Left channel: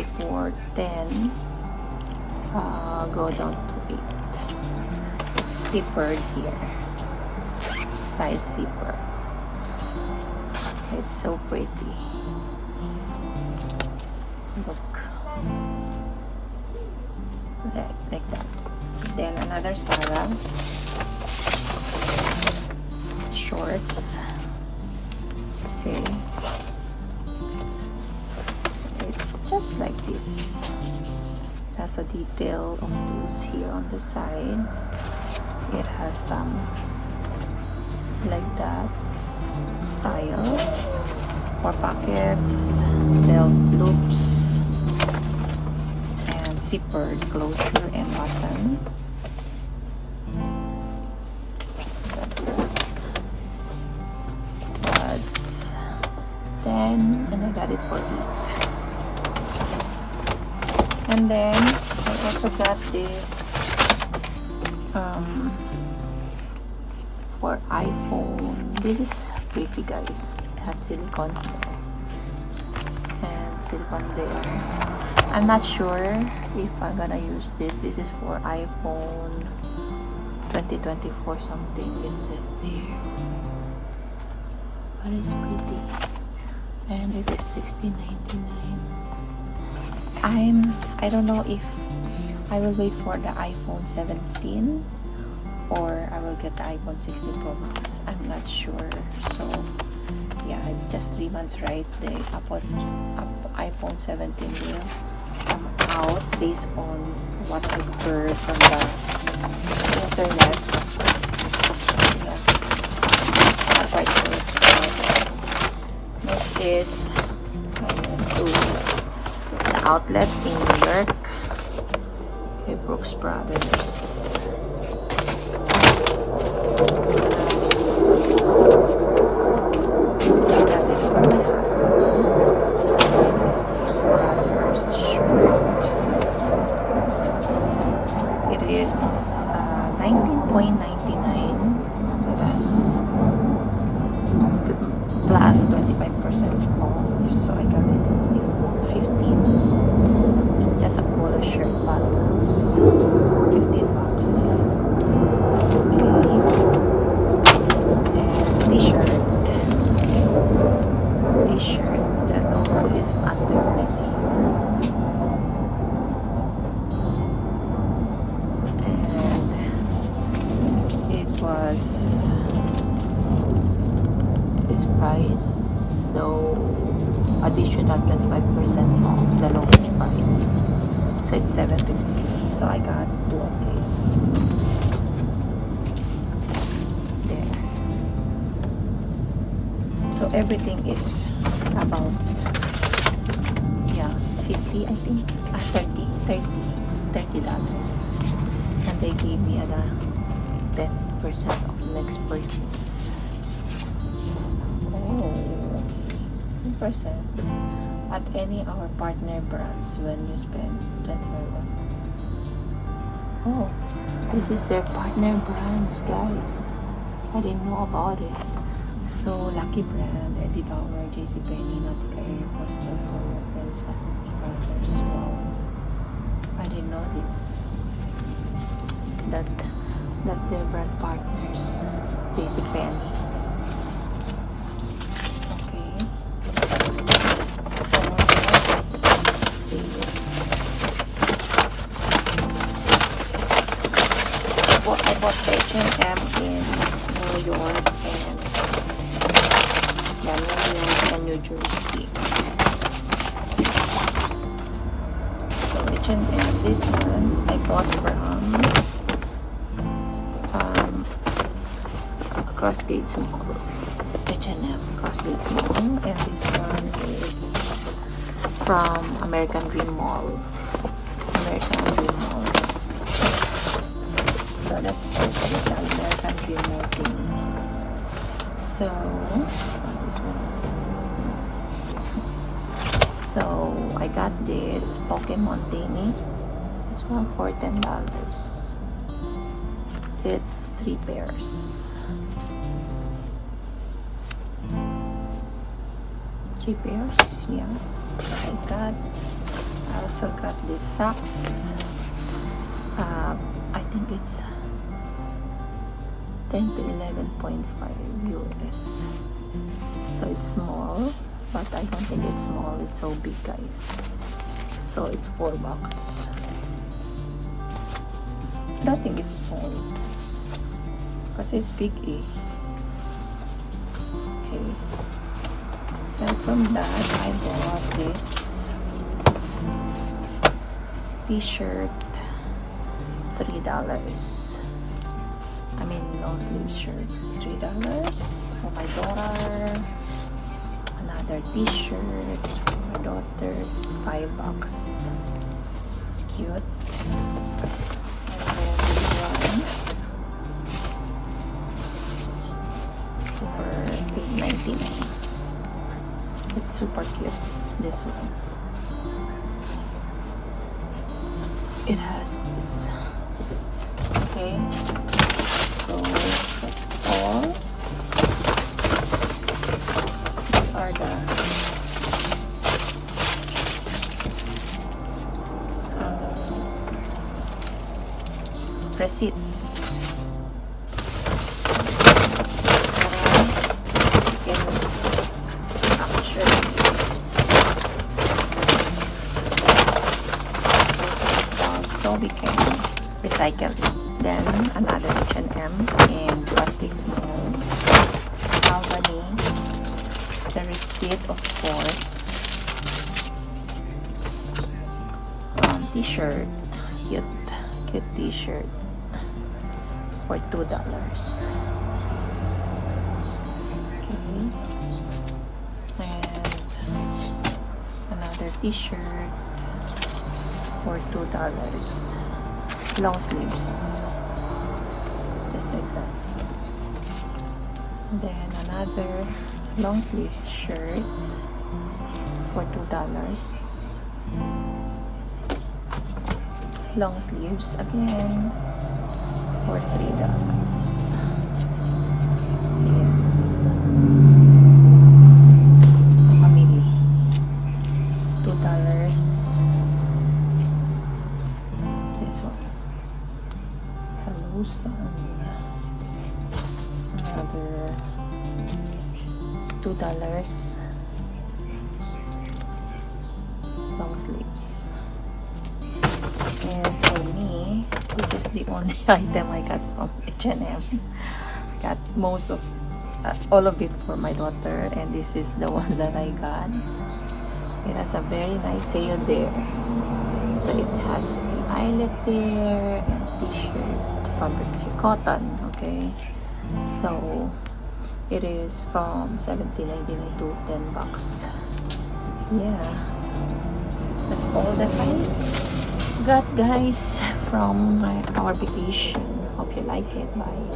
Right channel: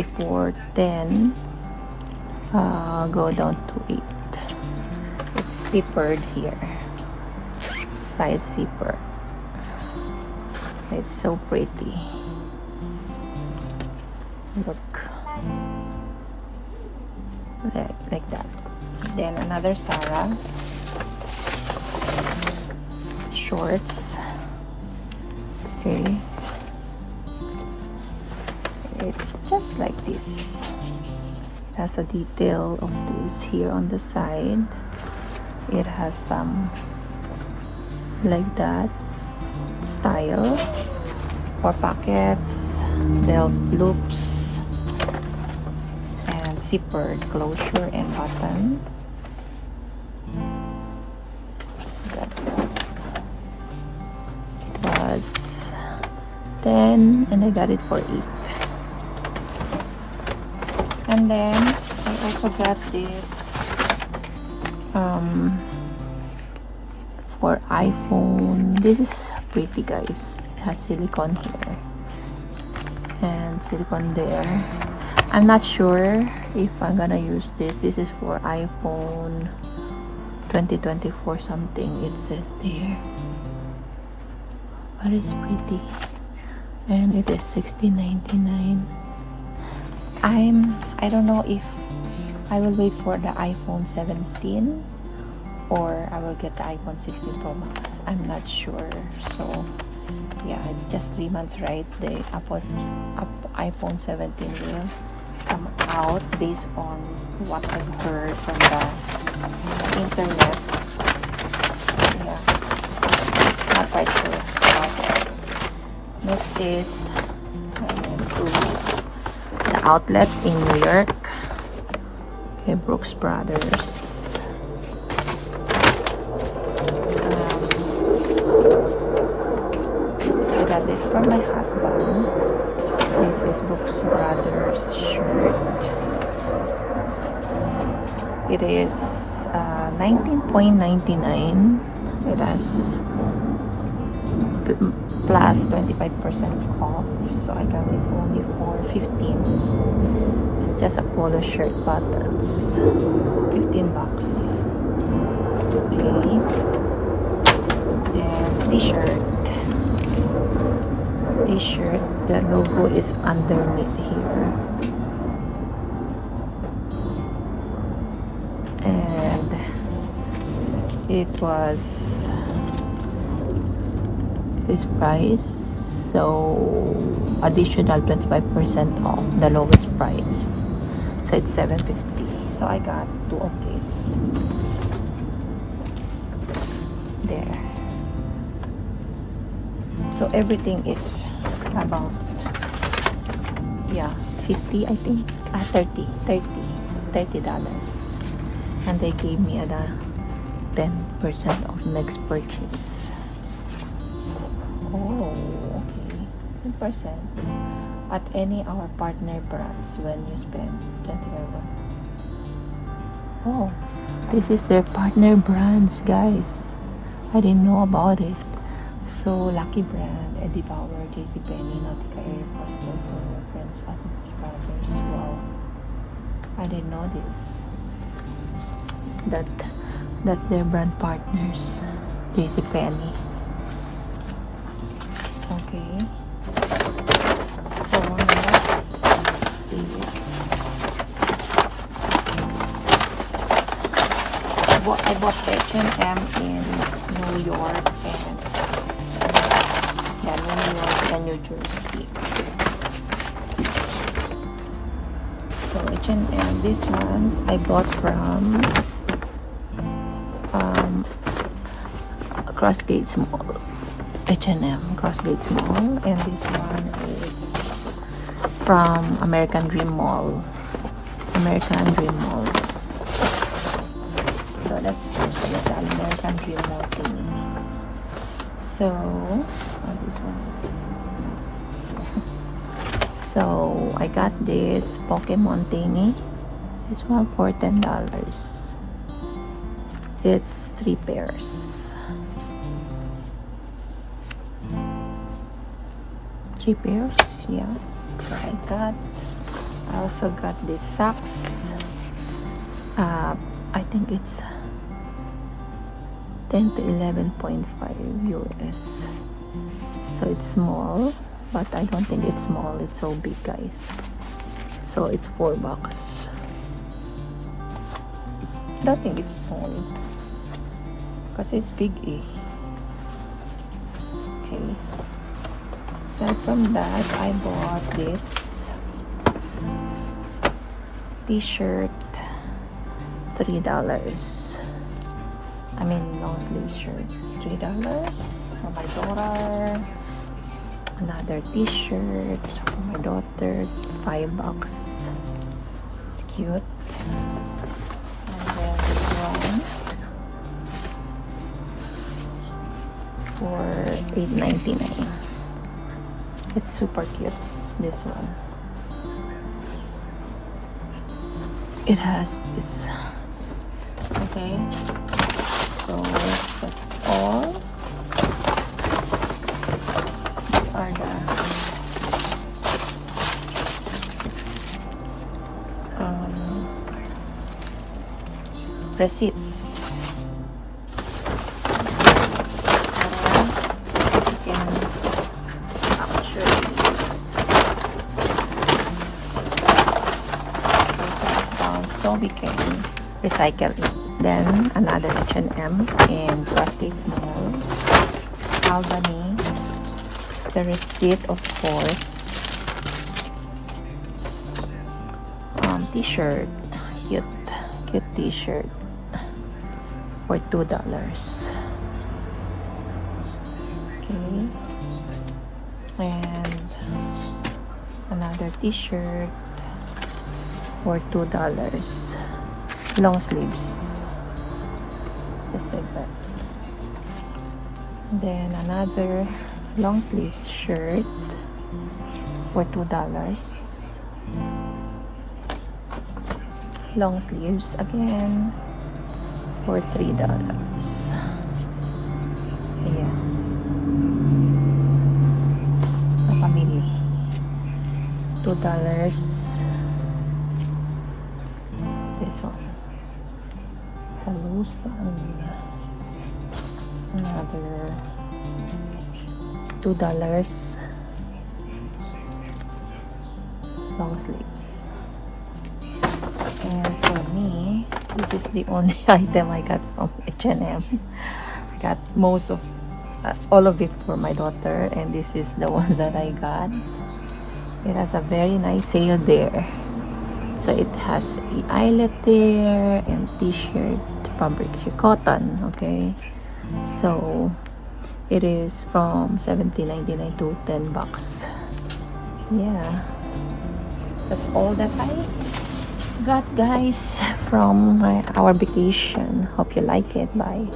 before 10, go down to 8. It's zippered here, side zipper. It's so pretty. Look, like that. Then another Zara shorts. Okay, it's just like this. It has a detail on this here on the side. It has some like that style for pockets, belt loops, and zippered closure and open. It was 10 and I got it for 8. And then I also got this for iPhone. This is pretty, guys. It has silicone here and silicone there. I'm not sure if I'm gonna use this. This is for iPhone 2024 something, it says there, but it's pretty, and it is $16.99. I don't know if I will wait for the iPhone 17 or I will get the iPhone 16 Pro Max. I'm not sure. So yeah, it's just 3 months, right? The iPhone 17 will come out based on what I've heard from the internet. What I've heard. Next is the outlet in New York and Brooks Brothers. I got this for my husband. This is Brooks Brothers shirt. It is $19.99. It has plus 25% off, so I got it only for 15. It's just a polo shirt, but it's 15 bucks. Okay, and t-shirt. T-shirt, the logo is underneath here, and it was this price, so additional 25% off the lowest price, so it's $7.50. So I got 2 of these there. So everything is about 50, I think, $30, and they gave me a 10% off next purchase. Oh, okay, 10% at any our partner brands when you spend $25. Oh, this is their partner brands, guys. I didn't know about it. So Lucky Brand, Eddie Bauer, JCPenney, Nautica Air, Custom Flower, Prince and Brothers. Wow, I didn't know this. That's their brand partners, JCPenney. Okay, so let's see. I bought H&M in New York and New Jersey. So H&M, these ones I bought from Crossgates Mall. H&M Crossgates Mall, and this one is from American Dream Mall. So let's first get the American Dream Mall thing. So this one was so I got this Pokemon thingy. This one for $10. It's 3 pairs. 3 pairs, yeah. Like that. I also got these socks. I think it's 10 to 11.5 US. So it's small, but I don't think it's small. It's so big, guys. So it's $4. I don't think it's small because it's big, eh? Okay. Aside from that, I bought this t-shirt, $3. I mean, long sleeve shirt, $3 for my daughter. Another t-shirt for my daughter, $5. It's cute. And then one for $8.99. It's super cute, this one. It has this. Okay, so that's all. These are the receipts. So we can recycle it. Then another H&M and Crossgates Mall, Albany. The receipt, of course. T-shirt, cute t-shirt for $2. Okay, and another t-shirt for $2. Long sleeves, just like that. Then another long sleeves shirt for $2. Long sleeves again for $3. Ayan. Kapamili. $2. This one. Talusan. Another $2. Long sleeves. And for me, this is the only item I got from H&M. I got most of all of it for my daughter, and this is the one that I got. It has a very nice sale there. So it has an eyelet there and t-shirt, fabric cotton. Okay, so it is from $17.99 to $10. Yeah, that's all that I got, guys, from our vacation. Hope you like it. Bye.